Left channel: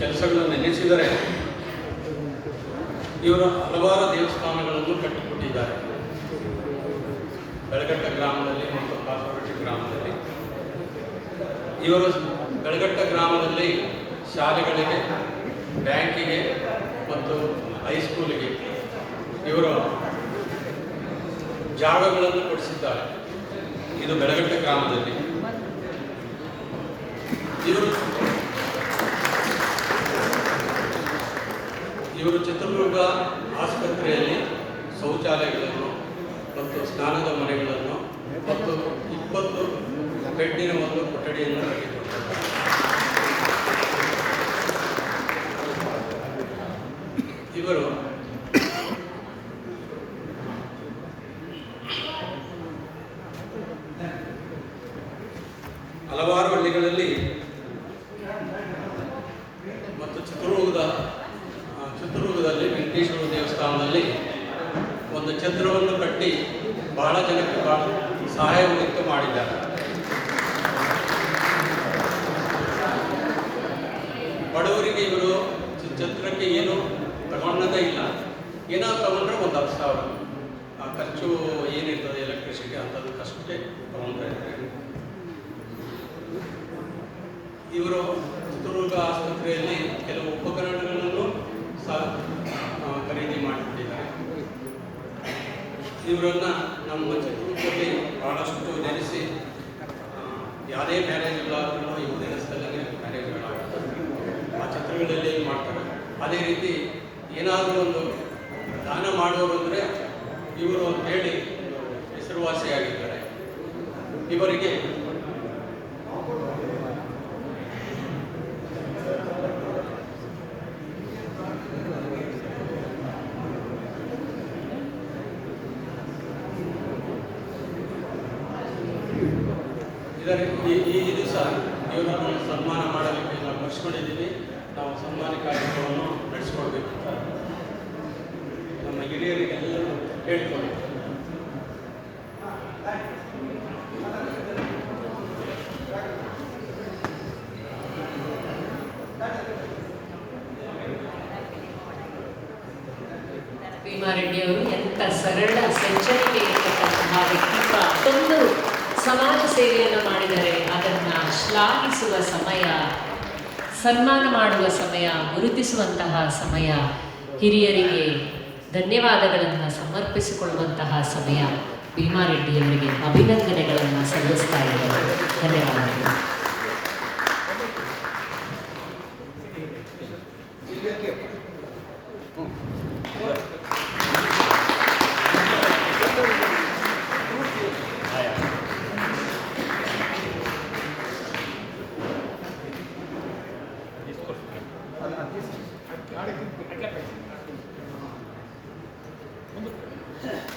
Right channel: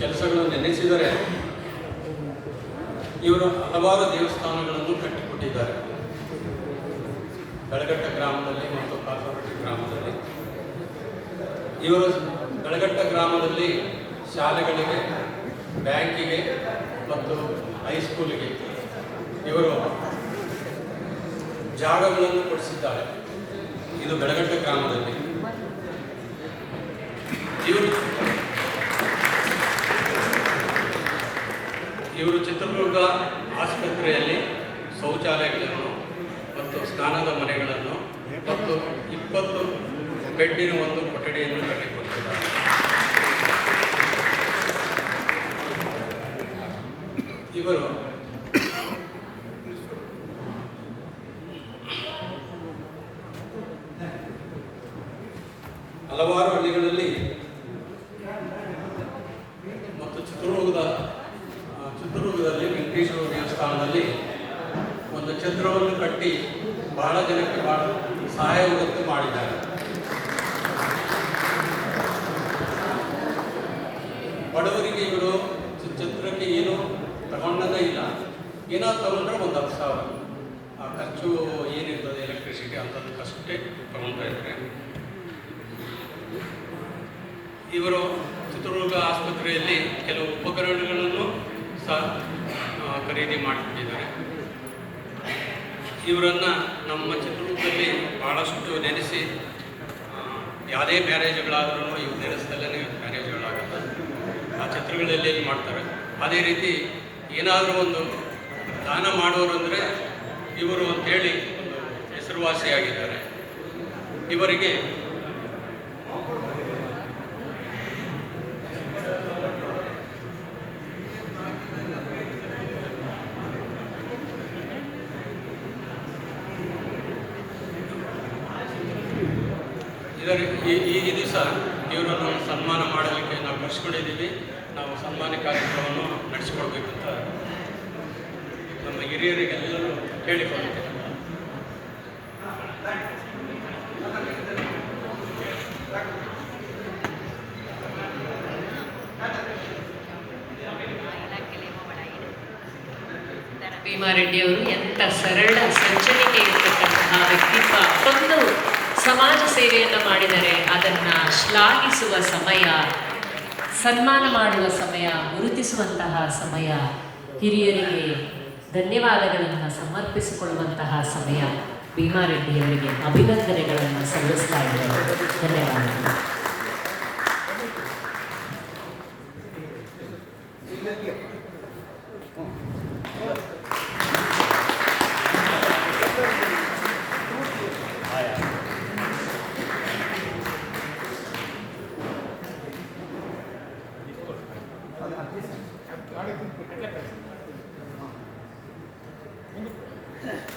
ಕೆಲಸಗಳನ್ನು ನೆನೆಸಿದರೆ ಇವರು ಹಲವಾರು ದೇವಸ್ಥಾನಗಳನ್ನು ಕಟ್ಟಿಕೊಟ್ಟಿದ್ದಾರೆ. ಬೆಳಗಟ್ಟ ಗ್ರಾಮದಲ್ಲಿ ಮತ್ತು ಕಾಸರವಟ್ಟಿ ಗ್ರಾಮದಲ್ಲಿ. ಇವರು ಬೆಳಗಟ್ಟ ಗ್ರಾಮದಲ್ಲಿ ಶಾಲೆಗಳಿಗೆ, ಬ್ಯಾಂಕಿಗೆ ಮತ್ತು ಹೈಸ್ಕೂಲಿಗೆ ಇವರು ಜಾಗಗಳನ್ನು ಕೊಡಿಸಿದ್ದಾರೆ. ಇದು ಬೆಳಗಟ್ಟ ಗ್ರಾಮದಲ್ಲಿ. ಇವರು ಚಿತ್ರದುರ್ಗ ಆಸ್ಪತ್ರೆಯಲ್ಲಿ ಶೌಚಾಲಯಗಳನ್ನು ಮತ್ತು ಸ್ನಾನದ ಮನೆಗಳನ್ನು ಮತ್ತು 20 ಬೆಡ್ಡಿನ ಒಂದು ಕೊಠಡಿಯನ್ನು ಕಟ್ಟಿಕೊಟ್ಟಿದ್ದಾರೆ. ಇವರು ಹಲವಾರು ಹಳ್ಳಿಗಳಲ್ಲಿ ಮತ್ತು ಚಿತ್ರದುರ್ಗದಲ್ಲಿ ವೆಂಕಟೇಶ್ವರ ದೇವಸ್ಥಾನದಲ್ಲಿ ಒಂದು ಛತ್ರವನ್ನು ಕಟ್ಟಿ ಬಹಳ ಜನಕ್ಕೆ ಬಹಳ ಸಹಾಯವನ್ನು ಮಾಡಿದ್ದಾರೆ. ಬಡವರಿಗೆ ಇವರು ಛತ್ರಕ್ಕೆ ಏನು ತಗೊಳ್ಳೋದೇ ಇಲ್ಲ. ಏನಾದ್ರು ತಗೊಂಡ್ರೆ ಒಂದು 10,000 ಆ ಖರ್ಚು ಏನಿರ್ತದೆ ಎಲೆಕ್ಟ್ರಿಸಿಟಿ ಅಂಥದಕ್ಕಷ್ಟೇ ತಗೊಳ್ತಾ ಇದ್ದಾರೆ. ಇವರು ಚಿತ್ರದುರ್ಗ ಆಸ್ಪತ್ರೆಯಲ್ಲಿ ಕೆಲವು ಉಪಕರಣಗಳನ್ನು ಸಹ ಖರೀದಿ ಮಾಡಿಕೊಂಡಿದ್ದಾರೆ. ಇವರನ್ನು ನಮ್ಮ ಚಿತ್ರದುರ್ಗದಲ್ಲಿ ಭಾಳಷ್ಟು ನೆನೆಸಿ ಯಾವುದೇ ಮ್ಯಾರೇಜ್ಗಳಾದ್ರೂ ಇವ್ರು ನೆನೆಸ್ತಲ್ಲೇ ಮ್ಯಾರೇಜ್ಗಳಾಗುತ್ತೆ. ಆ ಚಿತ್ರಗಳಲ್ಲಿ ಏನು ಮಾಡ್ತಾರೆ. ಅದೇ ರೀತಿ ಏನಾದರೂ ಒಂದು ದಾನ ಮಾಡೋರು ಅಂದರೆ ಇವರು ಅಂತೇಳಿ ಒಂದು ಹೆಸರುವಾಸಿಯಾಗಿದ್ದಾರೆ. ಇವರಿಗೆ ಈ ದಿವಸ ಇವರನ್ನು ಸನ್ಮಾನ ಮಾಡಲಿಕ್ಕೆ ನಾವು ಕರೆಸ್ಕೊಂಡಿದ್ದೀವಿ. ನಾವು ಸನ್ಮಾನ ಕಾರ್ಯಕ್ರಮವನ್ನು ನಡೆಸಿಕೊಡ್ಬೇಕಂತ ನಮ್ಮ ಹಿರಿಯರಿಗೆಲ್ಲರೂ ಕೇಳಿಕೊಳ್ಳುತ್ತೇವೆ. ಭೀಮಾರೆಡ್ಡಿಯವರು ಎಂಥ ಸರಳ ಸಜ್ಜನಿಕೆ ಇರತಕ್ಕಂತಹ ವ್ಯಕ್ತಿತ್ವ. ಒಂದು ಸಮಾಜ ಸೇವೆಯನ್ನು ಮಾಡಿದರೆ ಅದನ್ನು ಶ್ಲಾಘಿಸುವ ಸಮಯ, ಸನ್ಮಾನ ಮಾಡುವ ಸಮಯ, ಗುರುತಿಸುವಂತಹ ಸಮಯ, ಹಿರಿಯರಿಗೆ ಧನ್ಯವಾದಗಳನ್ನು ಸಮರ್ಪಿಸಿಕೊಳ್ಳುವಂತಹ ಸಮಯ. ಭೀಮಾರೆಡ್ಡಿಯವರಿಗೆ ಅಭಿನಂದನೆಗಳನ್ನು ಸಲ್ಲಿಸ್ತಾ ಇದ್ದಾರೆ. ಧನ್ಯವಾದಗಳು. ಮುಂದೆ